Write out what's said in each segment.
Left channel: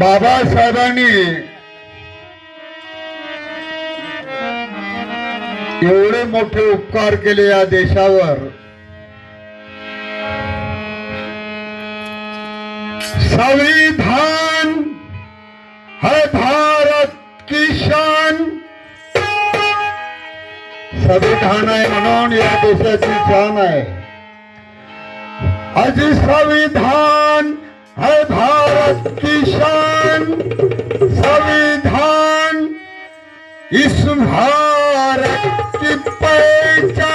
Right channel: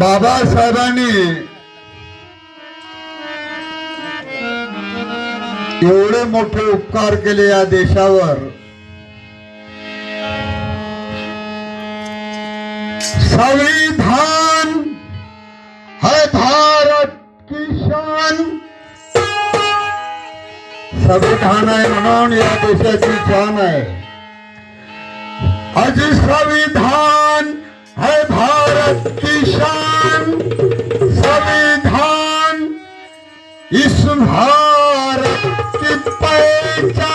बाबासाहेबांनी एवढे मोठे उपकार केले या देशावर. संविधान है भारत की शान. संविधान आहे म्हणून या देशाची जान आहे. आज संविधान है भारत की शान संविधान, इस भारत की पहचान।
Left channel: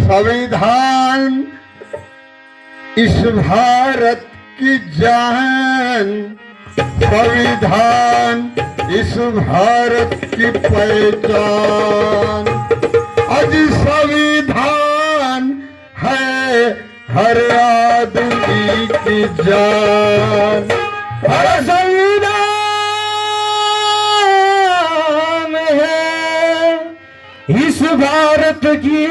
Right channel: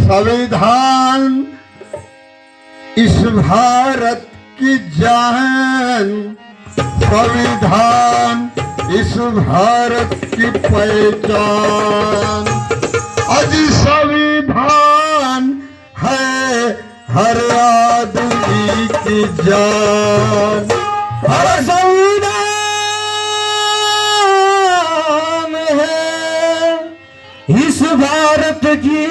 संविधान इस भारत की जान। संविधान इस भारत की पहचान। आज संविधान है हर संविधान है। इस भारत की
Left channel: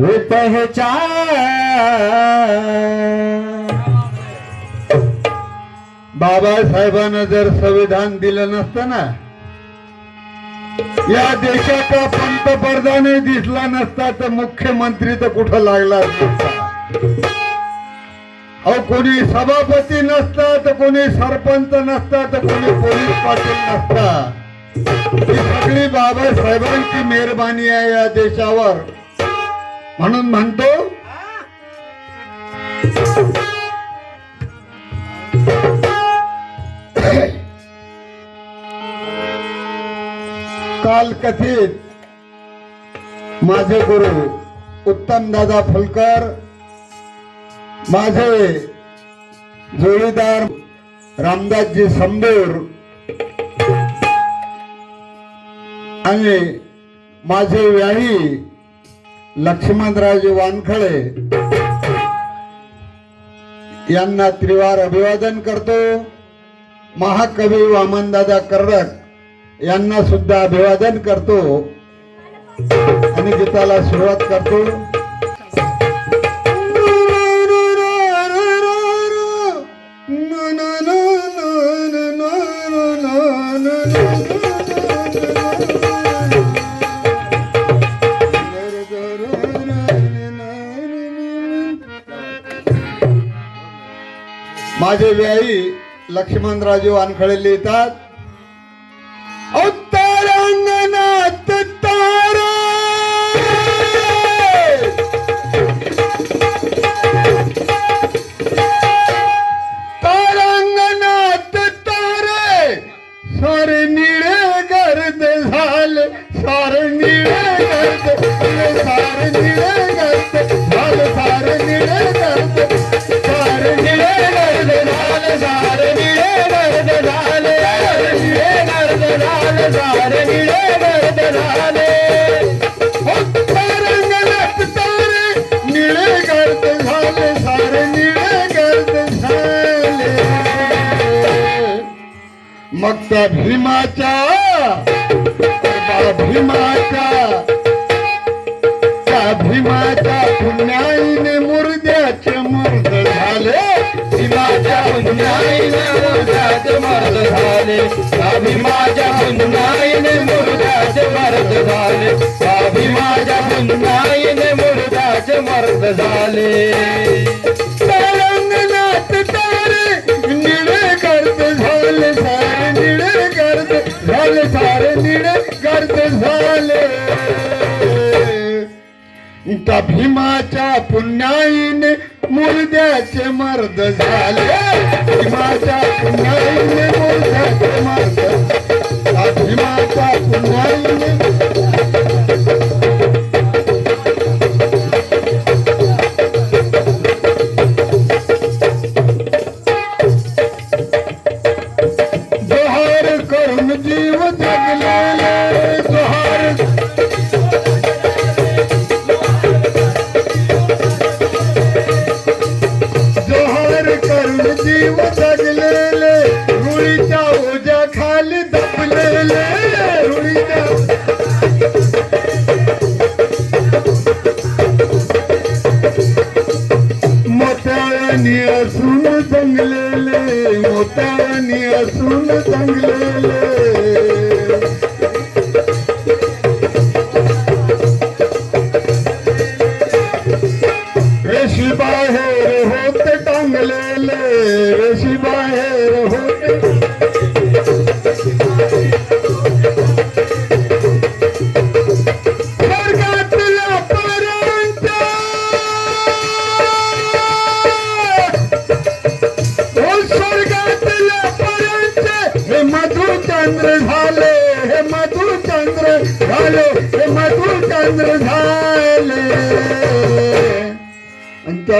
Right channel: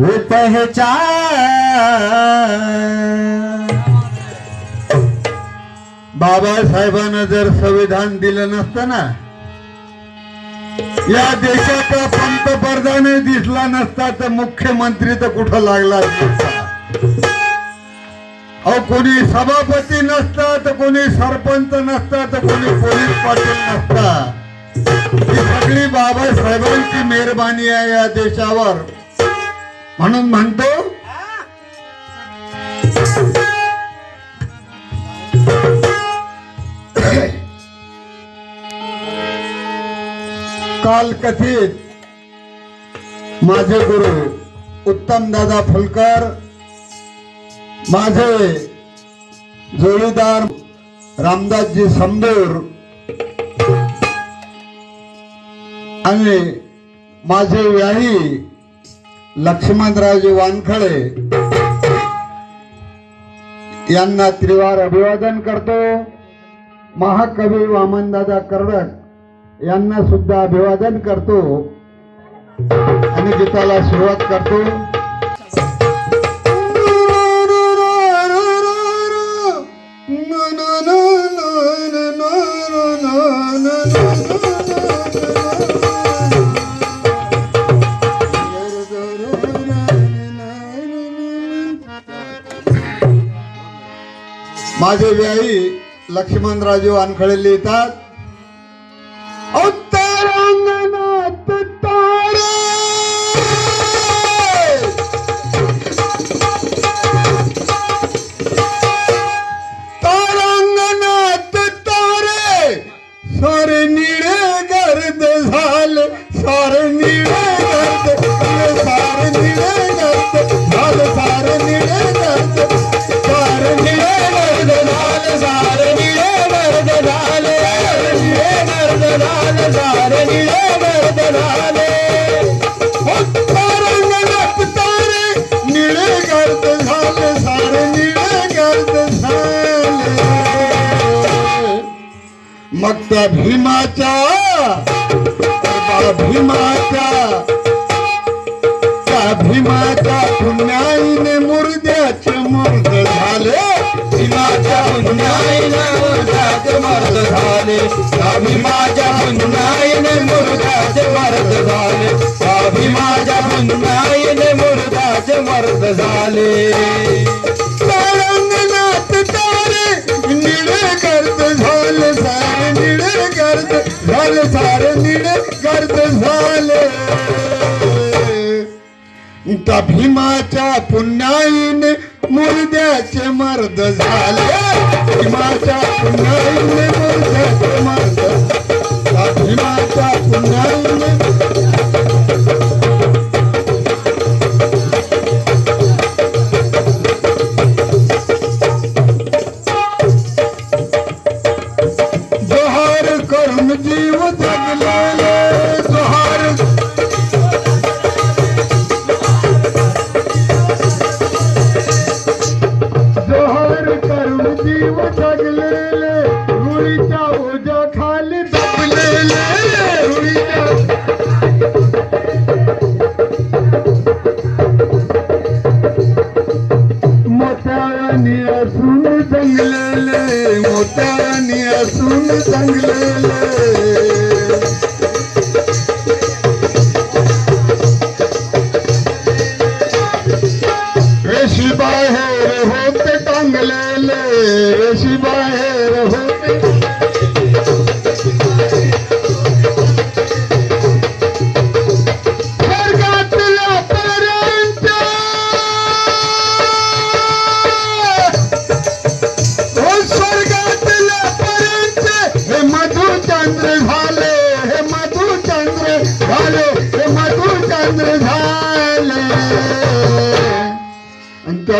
वो पहचान। बाबासाहेबांना जर संविधान दिलं नसतं ना या देशाचा पंतप्रधानही दिसला नसता तर मुख्यमंत्री तर कुठं लागला असता? अहो कोणी सभापती नसता तर कोणी सरपंच नसता तर कोणी पोलीस पाटील नसता ही सगळी बाबासाहेबांची मेहरबानी आहे या देशावर. म्हणून म्हणतो काल कथित माझे गुरु उत्तम दादा फुलकर माझे जोडीदार रामदासजी समदेव आणि माझे व्याही लक्ष्मणराजे वानखळे यांना त्रिवार अभिवादन करतो. महाकवी वामनदादा कर्डक यांना सुद्धा अभिवादन करतो. आणि गीताला सुरुवात करतो. माझे व्याई लक्ष्मणराजे वानखळे लिहितात उत्तरांगणात तारे! तारांगणात तारे! सारे निळे गर्द झाले सारे निळे गर्द निळे गर्द झाले निळे मग त्या भीमाच्या भीमाच्या त्या भीमाच्या पुण्याईने मुर्ग झाले त्या माझ्या पुण्याईने मुर्द्याचे मर्द झाले। त्या माझ्या पुण्याईने मुर्द्याचे मर्द झाले। तारंगणात तारे निळे गर्द झाले सारे निळे गर्द झाले सारे निळे गर्द झाले। त्या भीमाच्या पुण्याईने मुर्द्याचे मर्द झाले। भीमाच्या पुण्याईने मुर्द Thank you.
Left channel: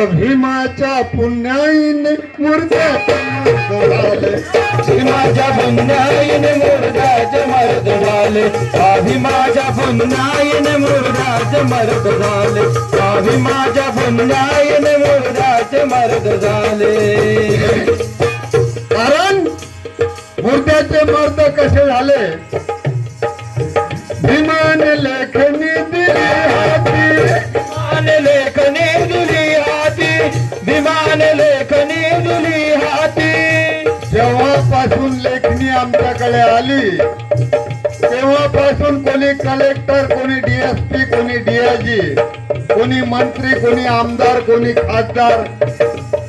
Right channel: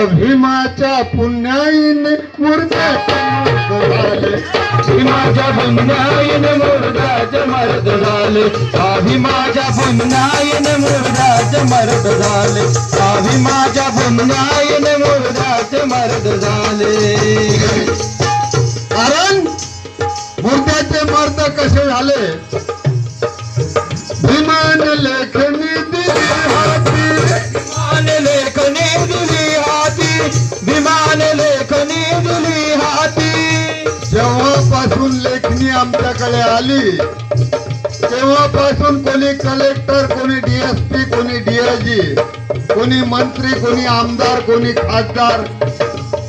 भीमाच्या पुण्याईन मूर्त्या भीमाच्या पुण्याईन मुर्दाचे मर्द झाले. आधी माझ्या पुन्हाईने मुर्दाचे मर्द झाले. आधी माझ्या पुन्हाईने मुर्दाचे मर्द झाले. कारण मुर्द्याचे मर्द कसे झाले? आमच्याकडे तेव्हापासून कोणी कलेक्टर कोणी डीएसपी कोणी डीआयजी कोणी मंत्री कोणी आमदार कोणी खासदार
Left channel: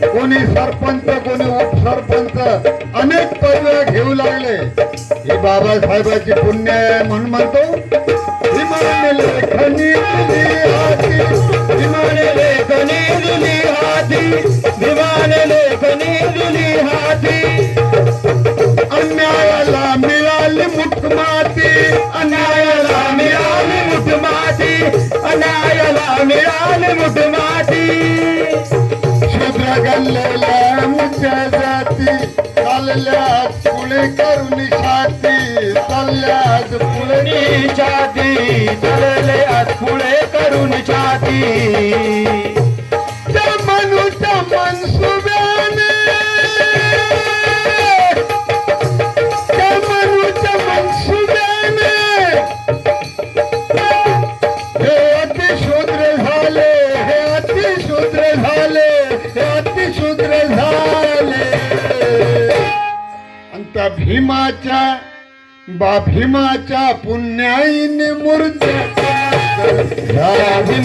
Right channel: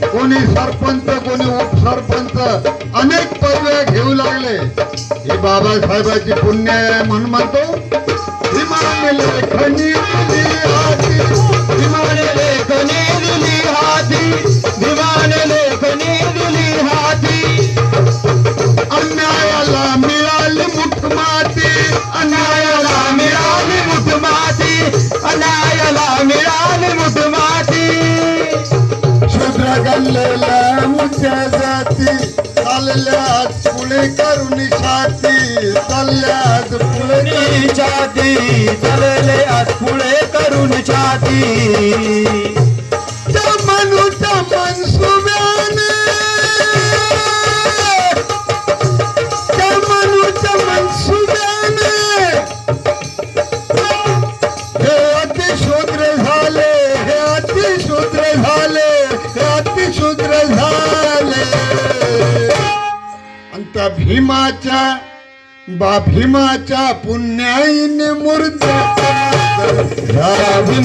कोणी सरपंच कोणी उपसरपंच अनेक पदव्या घेऊ लागले. ही बाबासाहेबाची पुण्य आहे म्हणून म्हणतो विमान जाती करून चालल्यात पुढे छाती चलले आज करून छाती. भीमाच्या बा भीमाच्या पुण्याईने मूर्त्या त्यावी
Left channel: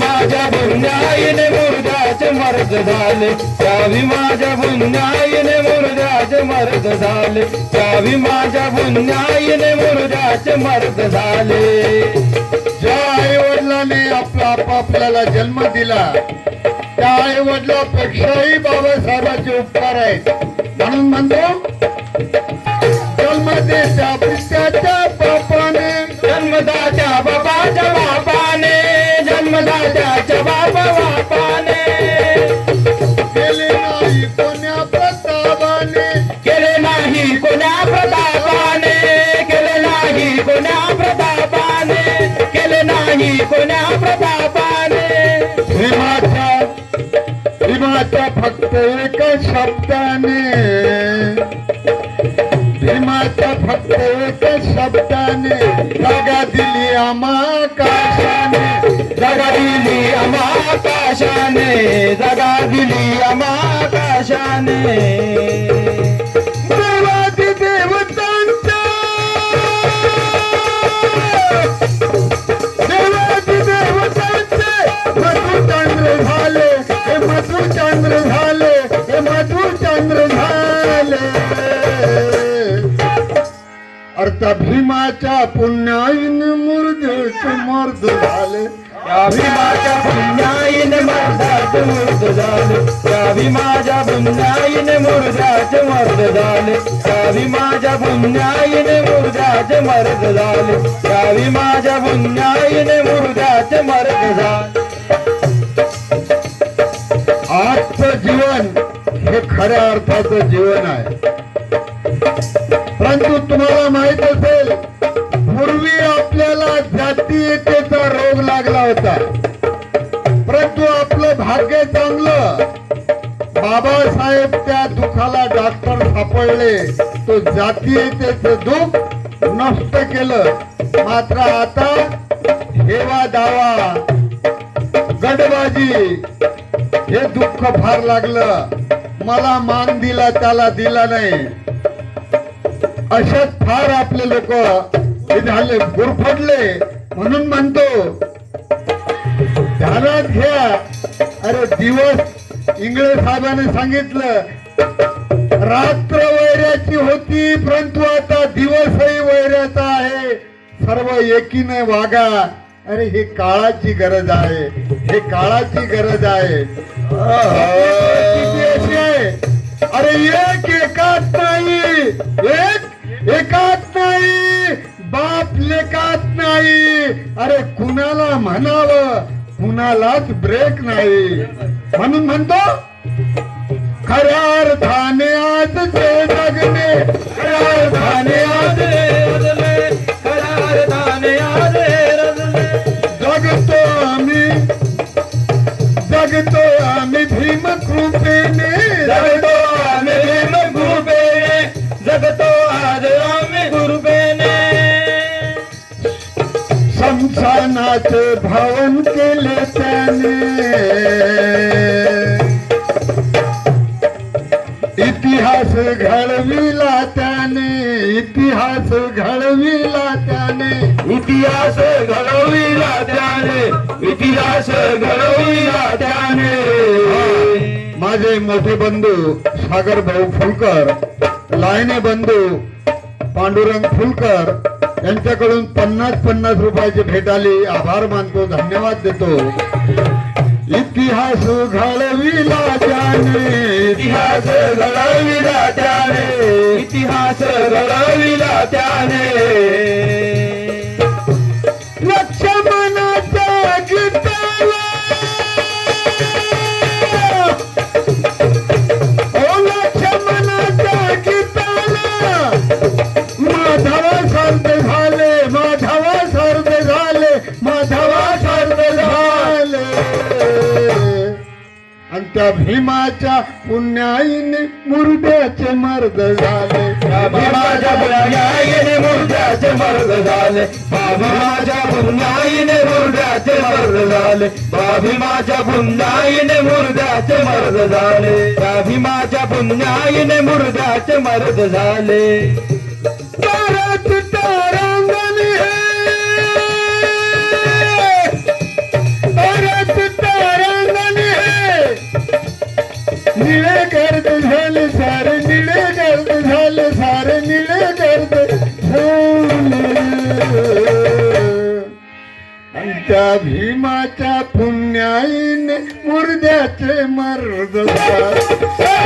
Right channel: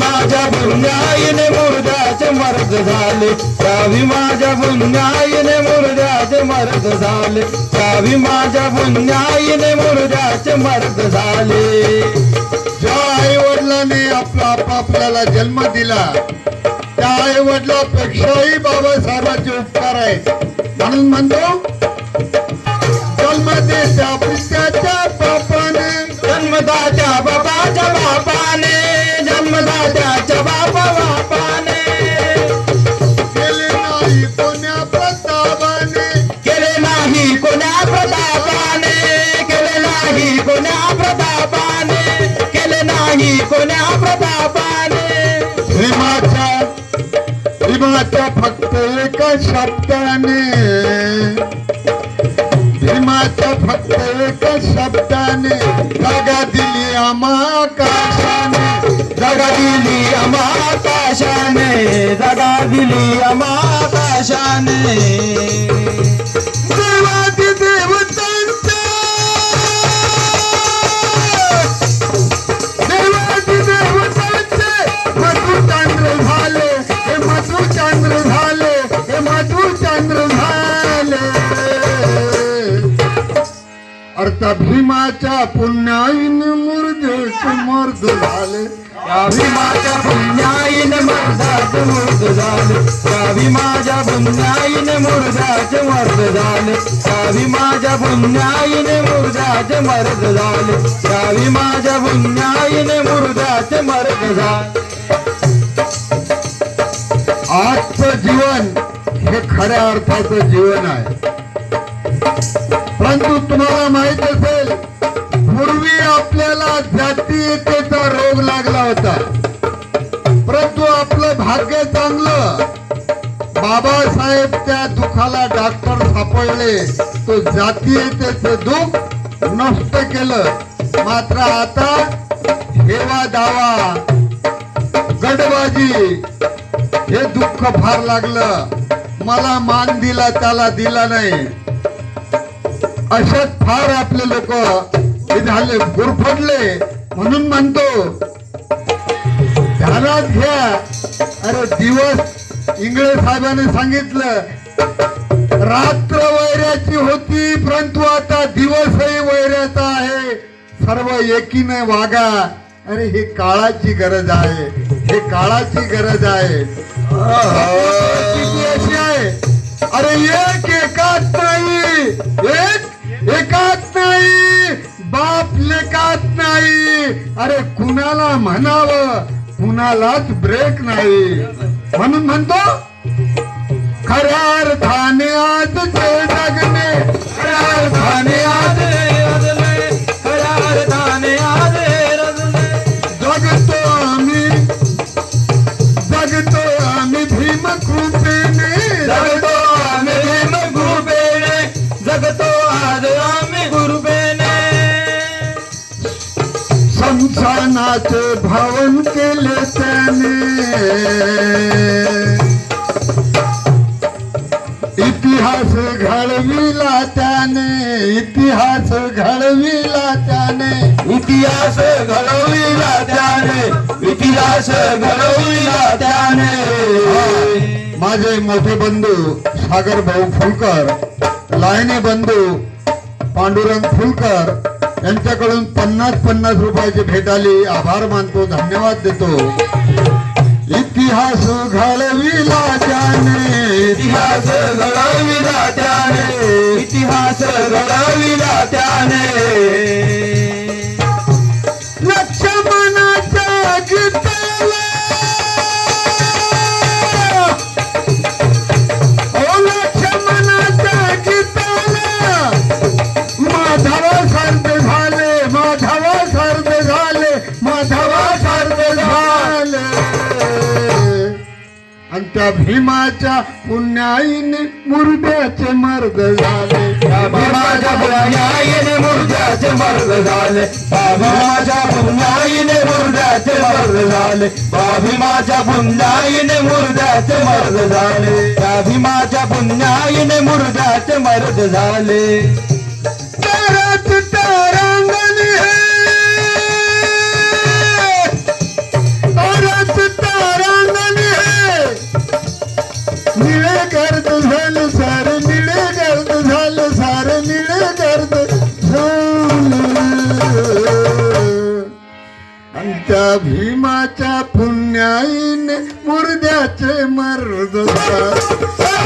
पुण्याईने मुर्द्याचे मर्द झाले. त्यावी माझ्या पुण्याईने मुर्द्याचे मर्द झाले. त्यावी माझ्या पुण्याईने मुर्द्याचे मर्द झाले. ज्या आई वडिलांनी आपला आपल्याला जन्म दिला त्या आई वडिलापेक्षाही बाबासाहेबांचे उपकार आहेत. म्हणून म्हणतो देत्या पित्याच्या बापाने जन्मदात्या बाबाच्या बापाने जन्मदात्याच्या बापा बापाने. केले नाही कोण्या प्रतापाने केले नाही कोण्या प्रतापाने केले नाही कोण्या प्रतापाने केले नाही कोण्या प्रतापाने. भीमाच्या भीमाच्या फक्त एका शब्दाने एका शब्दाने जागा दिली आकाशाने जागा दिली आकाशाने जागा दिली आकाशाने आता भीमाच्या पुण्याईन मुर्देचे मर्द झाले. भीमाच्या पुण्याईन मर्दाचे मर्द झाले. त्यावी माझ्या पुण्याईने मुर्दाचे मर्द झाले. त्यावी माझ्या पुण्याईने मुर्दाचे मर्द झाले. त्यावी माझ्या पुण्याईने मुर्दाचे मर्द झाले. आजचं जीवन हे खऱ्या अर्थाचं जीवन आहे. परंतु तुम्हाला माहीत असेल पूर्वी आपल्याला जातीयतेचा रोग लागला होता. परंतु आपलं भाग्य चांगलं. बाबासाहेब त्या दुखाला डॉक्टर सापडले. तो जातीयतेचं दुःख नष्ट केलं. मात्र आता हेवा दावा गडबाजी हे दुःख फार लागलं. मला मान दिला त्याला दिला नाही. अशात फार आपले लोक हे झाले गुरफटले म्हणून म्हणतो ध्यानात घ्या. अरे दिवस इंगळे साहेबांनी सांगितलं रात्र वैऱ्याची होती परंतु आता दिवसही वैऱ्याचा आहे. सर्व एकीने वागा. अरे हे काळाची गरज आहे हे काळाची गरज आहे. परिस्थिती अशी आहे अरे एक एकात नाही एक एकात नाही बाप लेकात नाही. अरे कुणाला म्हणावं? कुणालाच ब्रेक नाही. म्हणून म्हणतो केले त्याने इतिहास घडविला त्याने इतिहास घडविला त्याने. इतिहास घडविला त्याने इतिहास घडविला त्याने. माझे मोठे बंधू सागर भाऊ फुलकर लायने बंधू पांडुरंग फुलकर त्यांच्याकडून पन्नास पन्नास रुपयाची भेट आभार मानतो धन्यवाद देतो. इतिहास घडविला त्याने इतिहास घडविला त्याने इतिहास घडविला त्याने त्या भीमाच्या पुण्याईने मुर्द्याचे मर्द झाले. भीमाच्या पुण्याईने मुर्द्याचे मर्द झाले. बाबी पुण्याईने मुर्द्याचे मर्द झाले. बाबी पुण्याईने मुर्द्याचे मर्द झाले. बाबी पुण्याईने मुर्द्याचे मर्द झाले. निळे गर्द झालं सार निळे गर्द झालं सार निळे गर्द आमच्या भीमाच्या पुण्याईन मुर्द्याचे मर्द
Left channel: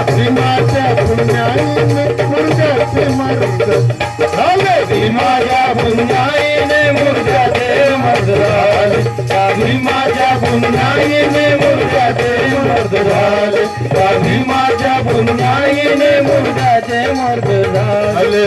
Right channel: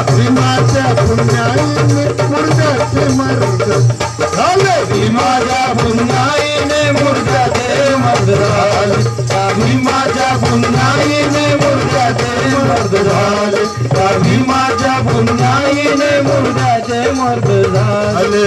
भीमाच्या पुण्याईन मुर्द्याचे मर्द भीमाच्या पुण्याईन मुर्द्याचे मर्द गावी माझ्या पुन्हाईने मुर्गाचे मर्द झाले. गावी माझ्या पुन्हाईने मुर्गाचे मर्द झाले.